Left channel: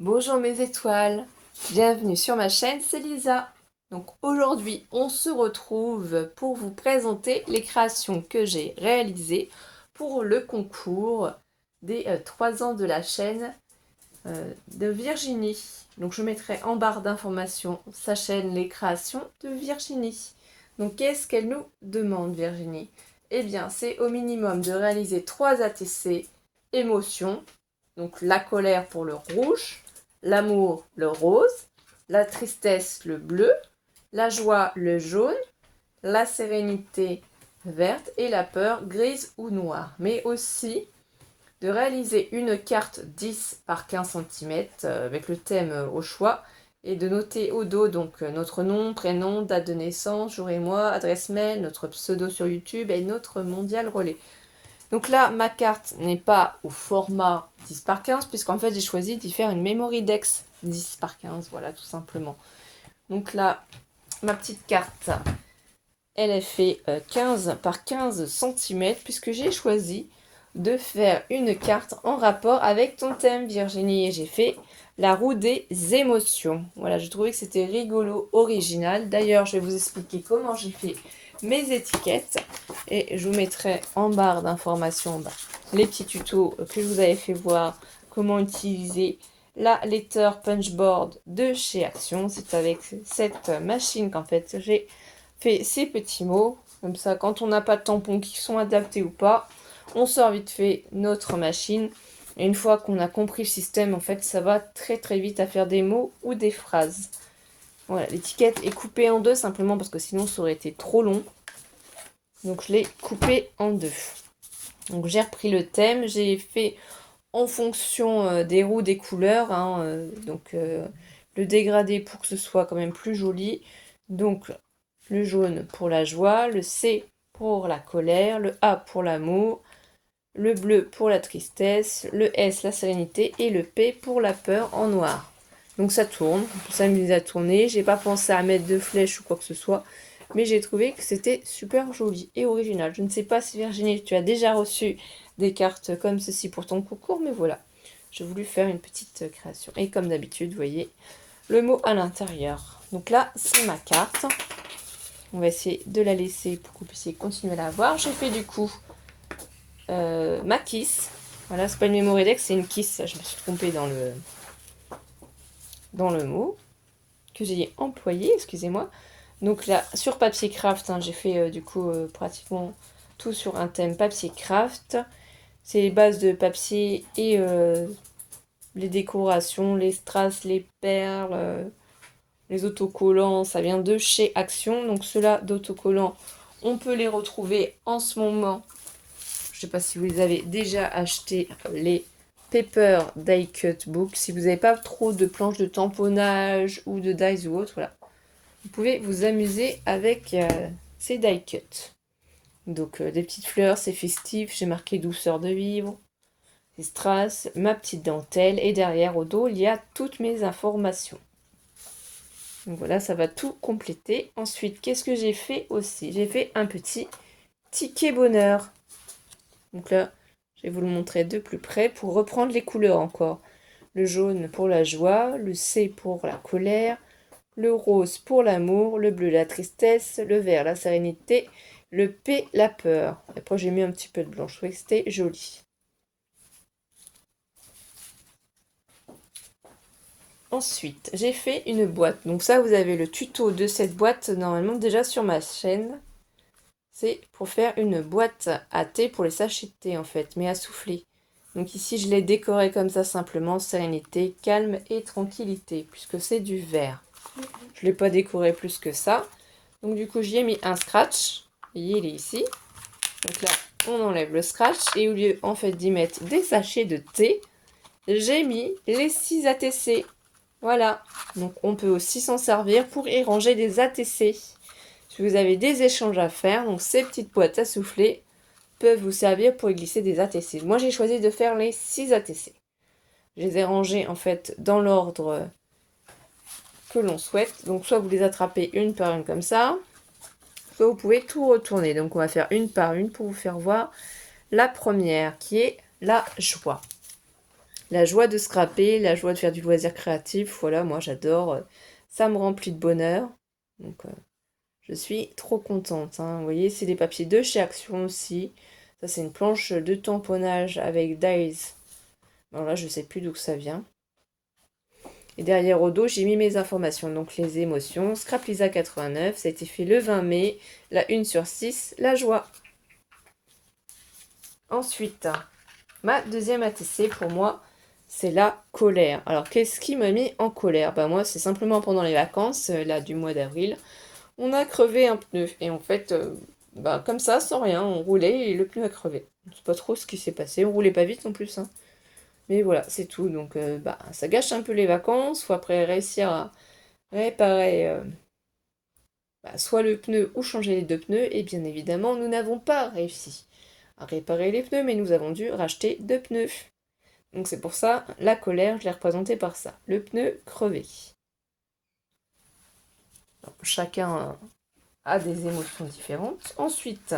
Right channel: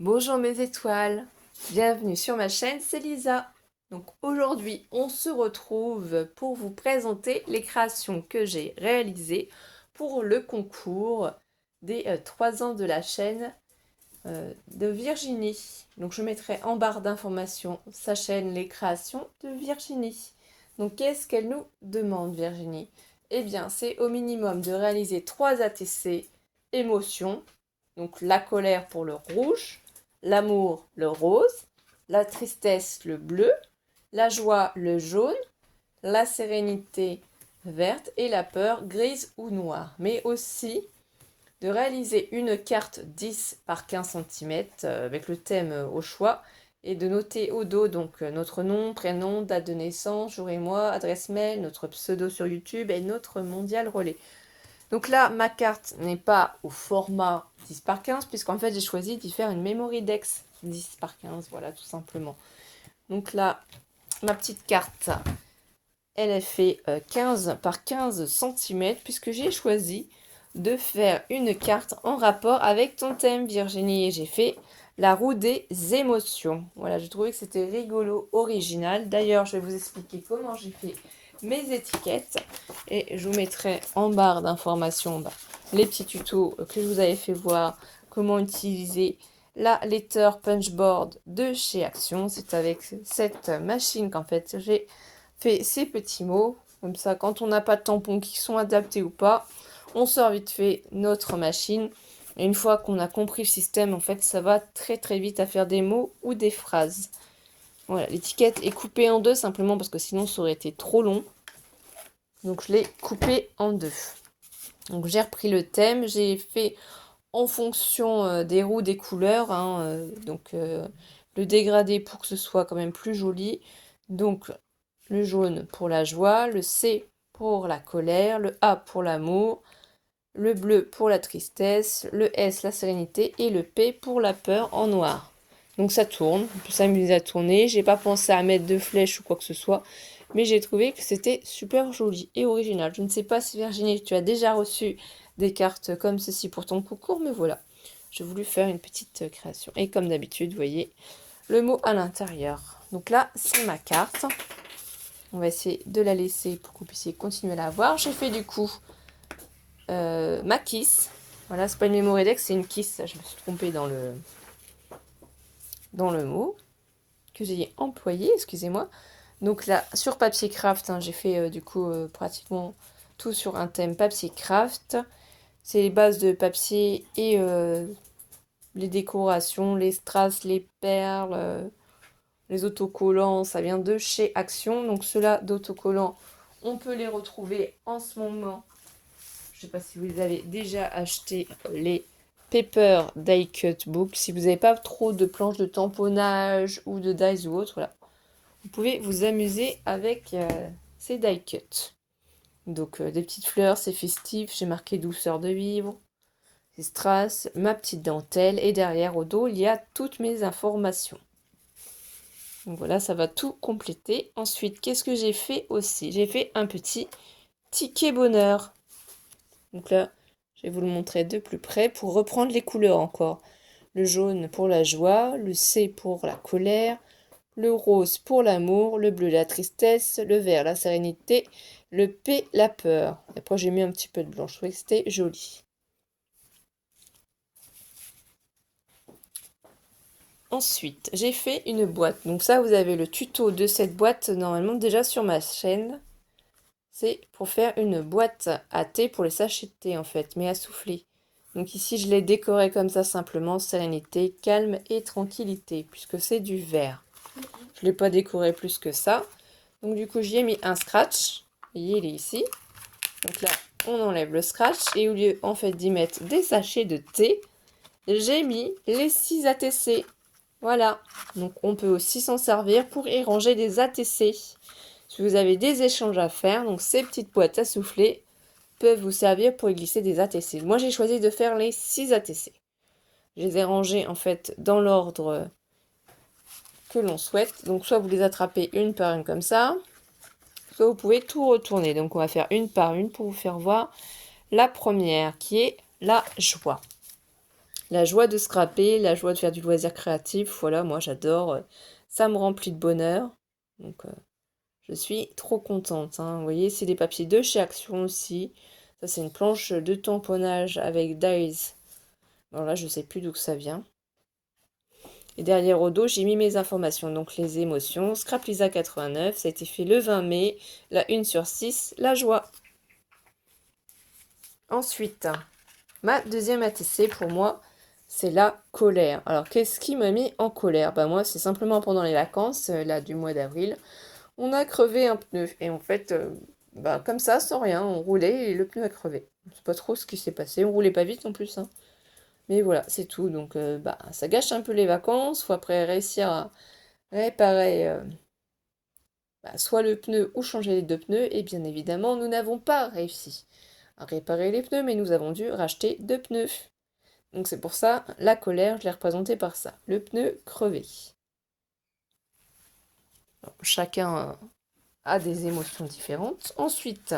Bonjour mes étoiles, bienvenue sur ma chaîne, c'est Lisa. Donc aujourd'hui, on se retrouve pour vous présenter les créations que j'ai réalisées pour le concours des 3 ans de la chaîne de Virginie. Donc je mettrai en barre d'informations sa chaîne Les créations de Virginie. Donc qu'est-ce qu'elle nous demande Virginie? Eh bien c'est au minimum de réaliser 3 ATC émotions. Donc la colère pour le rouge, l'amour le rose, la tristesse le bleu, la joie le jaune, la sérénité verte et la peur grise ou noire. Mais aussi de réaliser une carte 10 par 15 cm avec le thème au choix et de noter au dos donc notre nom, prénom, date de naissance, jour et mois, adresse mail, notre pseudo sur YouTube et notre mondial relais. Donc là, ma carte n'est pas au format 10 par 15 puisqu'en fait j'ai choisi d'y faire une memory dex 10 par 15, voilà tout simplement. Donc là, ma petite carte, elle est fait 15 par 15 cm puisque j'ai choisi de faire une carte en rapport avec ton thème Virginie et j'ai fait la roue des émotions. Voilà, je trouvais que c'était rigolo, original. D'ailleurs, je vais vous expliquer comment j'ai fait mes étiquettes et je vous mettrai en barre d'informations les petits tutos que je vous avais fait voir comment utiliser la letter punchboard de chez Action. C'est avec cette machine qu'en fait j'ai fait ces petits mots. Comme ça, quand on n'a pas de tampons qui sont adaptés ou pas, on sort vite fait notre machine. Et une fois qu'on a compris le système, en fait, ça va très très vite à faire des mots ou des phrases. Voilà, l'étiquette est coupée en deux simplement parce que sinon ça aurait été trop long. Donc je l'ai coupée en deux. Donc j'ai repris le thème, j'ai fait en fonction des roues, des couleurs. Le dégradé pour que ce soit quand même plus joli. Donc le jaune pour la joie, le C pour la colère, le A pour l'amour, le bleu pour la tristesse, le S la sérénité et le P pour la peur en noir. Donc ça tourne, on peut s'amuser à tourner. J'ai pas pensé à mettre de flèches ou quoi que ce soit, mais j'ai trouvé que c'était super joli et original. Je ne sais pas si Virginie, tu as déjà reçu des cartes comme ceci pour ton concours, mais voilà. J'ai voulu faire une petite création. Et comme d'habitude, vous voyez le mot à l'intérieur. Donc là, c'est ma carte. On va essayer de la laisser pour que vous puissiez continuer à la voir. J'ai fait du coup ma kiss. Voilà, c'est pas une memory deck, c'est une kiss. Je me suis trompée dans le mot que j'ai employé, excusez-moi. Donc là, sur papier craft, j'ai fait pratiquement tout sur un thème papier craft. C'est les bases de papier et les décorations, les strass, les perles, les autocollants, ça vient de chez Action. Donc ceux-là d'autocollants, on peut les retrouver en ce moment. Je ne sais pas si vous les avez déjà achetés, les Paper Die Cut Book. Si vous n'avez pas trop de planches de tamponnage ou de dies ou autre, voilà. Vous pouvez vous amuser avec ces die cut. Donc des petites fleurs, c'est festif. J'ai marqué douceur de vivre, des strass, ma petite dentelle. Et derrière au dos, il y a toutes mes informations. Donc voilà, ça va tout compléter. Ensuite, qu'est-ce que j'ai fait aussi? J'ai fait un petit ticket bonheur. Donc là, je vais vous le montrer de plus près pour reprendre les couleurs encore. Le jaune pour la joie, le C pour la colère, le rose pour l'amour, le bleu la tristesse, le vert la sérénité, le P la peur. Après j'ai mis un petit peu de blanc, je trouvais que c'était joli. Ensuite, j'ai fait une boîte. Donc ça, vous avez le tuto de cette boîte normalement déjà sur ma chaîne. C'est pour faire une boîte à thé pour les sachets de thé en fait, mais à souffler. Donc ici, je l'ai décoré comme ça simplement, sérénité, calme et tranquillité, puisque c'est du vert. Je ne l'ai pas décoré plus que ça. Donc du coup, j'y ai mis un scratch. Il est ici. Donc là, on enlève le scratch. Et au lieu en fait d'y mettre des sachets de thé, j'ai mis les 6 ATC. Voilà. Donc on peut aussi s'en servir pour y ranger des ATC. Si vous avez des échanges à faire, donc ces petites boîtes à souffler peuvent vous servir pour y glisser des ATC. Moi, j'ai choisi de faire les 6 ATC. Je les ai rangés en fait dans l'ordre que l'on souhaite. Donc soit vous les attrapez une par une comme ça, soit vous pouvez tout retourner. Donc on va faire une par une pour vous faire voir la première qui est la joie. La joie de scraper, la joie de faire du loisir créatif, voilà, moi j'adore. Ça me remplit de bonheur. Donc je suis trop contente, hein. Vous voyez, c'est des papiers de chez Action aussi. Ça, c'est une planche de tamponnage avec Dies. Alors là, je sais plus d'où que ça vient. Et derrière au dos, j'ai mis mes informations, donc les émotions. Scrap Lisa 89, ça a été fait le 20 mai. La 1/6, la joie. Ensuite, ma deuxième ATC pour moi, c'est la colère. Alors, qu'est-ce qui m'a mis en colère? Bah moi, c'est simplement pendant les vacances, là, du mois d'avril, on a crevé un pneu. Et en fait, bah, comme ça, sans rien, on roulait et le pneu a crevé. Je sais pas trop ce qui s'est passé. On roulait pas vite en plus, hein. Mais voilà, c'est tout. Donc, bah, ça gâche un peu les vacances. Faut après réussir à réparer bah, soit le pneu ou changer les deux pneus. Et bien évidemment, nous n'avons pas réussi à réparer les pneus, mais nous avons dû racheter deux pneus. Donc c'est pour ça, la colère, je l'ai représentée par ça. Le pneu crevé. Alors, chacun a des émotions différentes. Ensuite,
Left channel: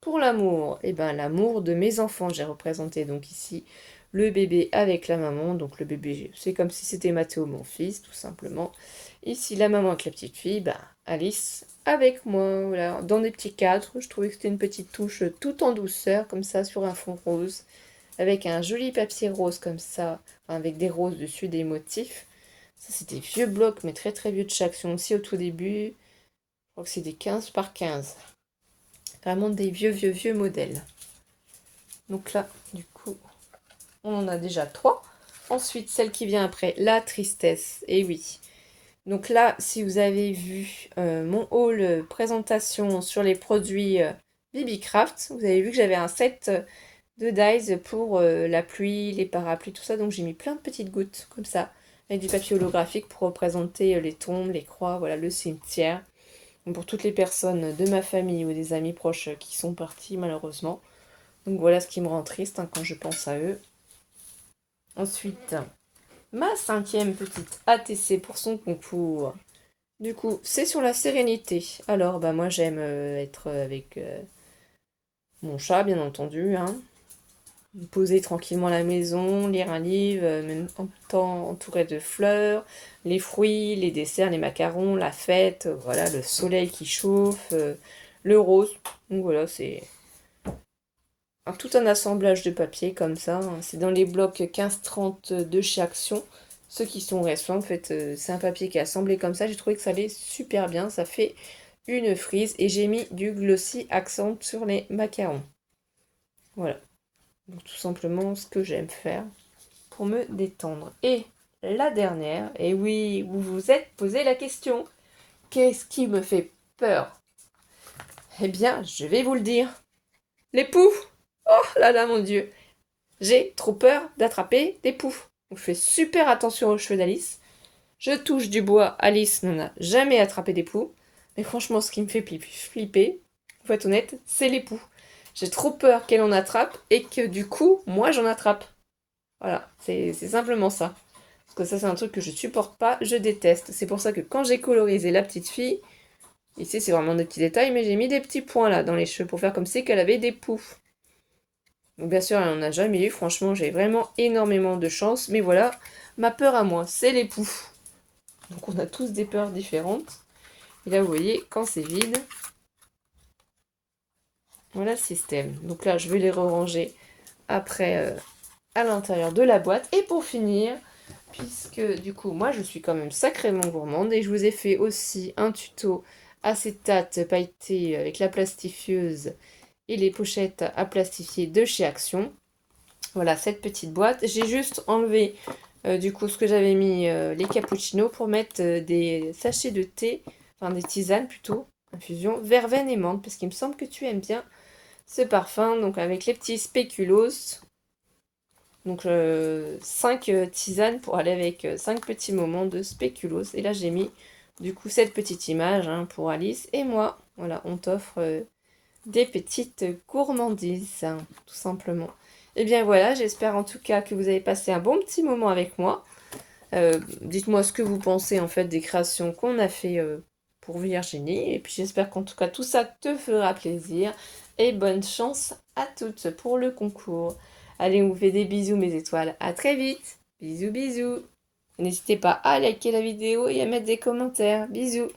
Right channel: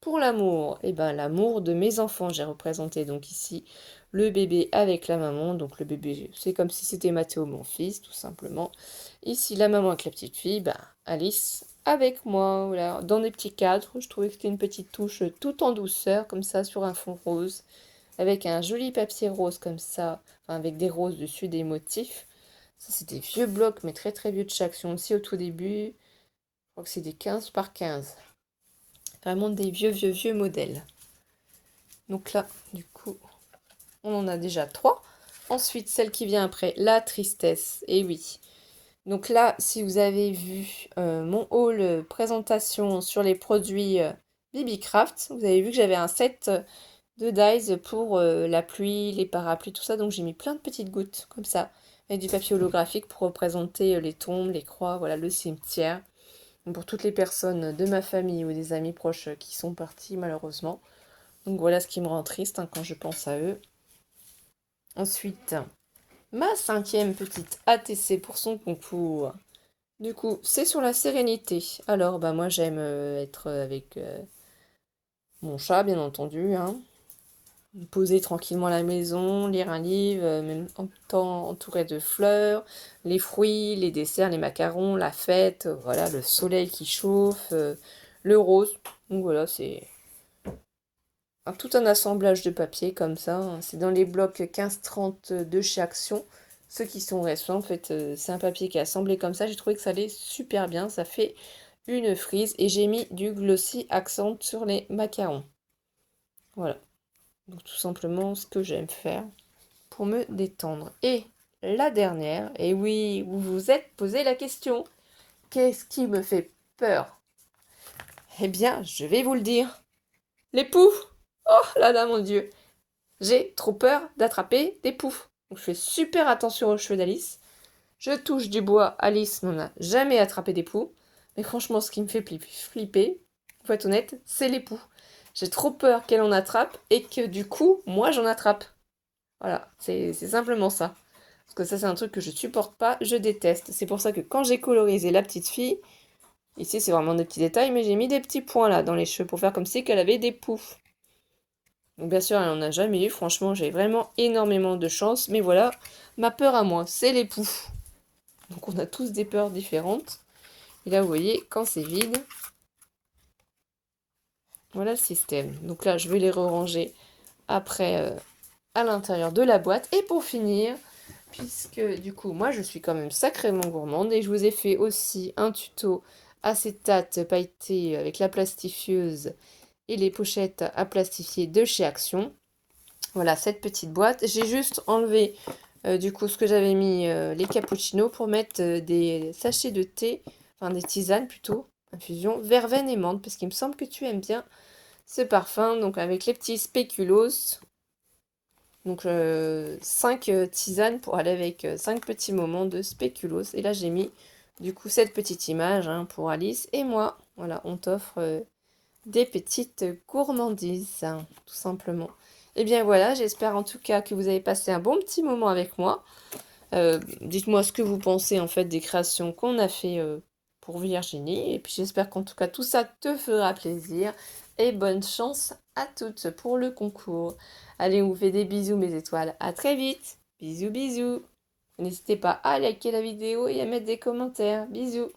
pour l'amour, et ben l'amour de mes enfants, j'ai représenté donc ici le bébé avec la maman. Donc le bébé, c'est comme si c'était Mathéo, mon fils, tout simplement. Ici, la maman avec la petite fille, bah, Alice avec moi, voilà, dans des petits cadres. Je trouvais que c'était une petite touche tout en douceur, comme ça, sur un fond rose, avec un joli papier rose comme ça, enfin, avec des roses dessus, des motifs. Ça, c'est des vieux blocs, mais très très vieux de chez Action aussi au tout début. Je crois que c'est des 15 par 15. Vraiment des vieux, vieux, vieux modèles. Donc là, du coup, on en a déjà 3. Ensuite, celle qui vient après, la tristesse. Et oui. Donc là, si vous avez vu mon haul présentation sur les produits BB-Craft, vous avez vu que j'avais un set de dies pour la pluie, les parapluies, tout ça. Donc j'ai mis plein de petites gouttes comme ça, avec du papier holographique pour représenter les tombes, les croix, voilà, le cimetière. Donc, pour toutes les personnes de ma famille ou des amis proches qui sont partis malheureusement. Donc voilà ce qui me rend triste quand je pense à eux. Ensuite, ma 5e petite ATC pour son concours. Du coup, c'est sur la sérénité. Alors, bah moi j'aime être avec mon chat, bien entendu, hein. Me poser tranquillement à la maison, lire un livre, même en temps entouré de fleurs, les fruits, les desserts, les macarons, la fête, voilà, le soleil qui chauffe, le rose. Donc voilà, c'est tout un assemblage de papier comme ça, hein. C'est dans les blocs 15-30 de chez Action. Ceux qui sont récents, en fait, c'est un papier qui est assemblé comme ça. J'ai trouvé que ça allait super bien. Ça fait une frise. Et j'ai mis du glossy accent sur les macarons. Voilà. Donc tout simplement ce que j'aime faire pour me détendre. Et la dernière, et oui, vous vous êtes posé la question. Qu'est-ce qui me fait peur? Eh bien, je vais vous le dire. Les poux! Oh là là, mon Dieu! J'ai trop peur d'attraper des poux. Donc je fais super attention aux cheveux d'Alice. Je touche du bois. Alice n'en a jamais attrapé des poux. Mais franchement, ce qui me fait flipper, pour être honnête, c'est les poux. J'ai trop peur qu'elle en attrape et que du coup, moi, j'en attrape. Voilà, c'est simplement ça. Parce que ça, c'est un truc que je supporte pas, je déteste. C'est pour ça que quand j'ai colorisé la petite fille, ici, c'est vraiment des petits détails, mais j'ai mis des petits points là dans les cheveux pour faire comme si qu'elle avait des poux. Donc bien sûr, elle n'en a jamais eu. Franchement, j'ai vraiment énormément de chance. Mais voilà, ma peur à moi, c'est les poux. Donc on a tous des peurs différentes. Et là, vous voyez, quand c'est vide, voilà le système. Donc là, je vais les ranger après à l'intérieur de la boîte. Et pour finir, puisque du coup, moi, je suis quand même sacrément gourmande. Et je vous ai fait aussi un tuto acétate pailleté avec la plastifieuse et les pochettes à plastifier de chez Action. Voilà, cette petite boîte. J'ai juste enlevé du coup ce que j'avais mis les cappuccinos pour mettre des sachets de thé, enfin des tisanes plutôt, infusion, verveine et menthe, parce qu'il me semble que tu aimes bien ce parfum. Donc avec les petits spéculoos. Donc 5 tisanes pour aller avec 5 petits moments de spéculoos. Et là j'ai mis du coup cette petite image hein, pour Alice et moi. Voilà, on t'offre des petites gourmandises, hein, tout simplement. Et bien voilà, j'espère en tout cas que vous avez passé un bon petit moment avec moi. Dites-moi ce que vous pensez en fait des créations qu'on a fait pour Virginie. Et puis j'espère qu'en tout cas tout ça te fera plaisir. et bonne chance à toutes pour le concours. Allez, on vous fait des bisous mes étoiles. À très vite. Bisous bisous. N'hésitez pas à liker la vidéo et à mettre des commentaires. Bisous.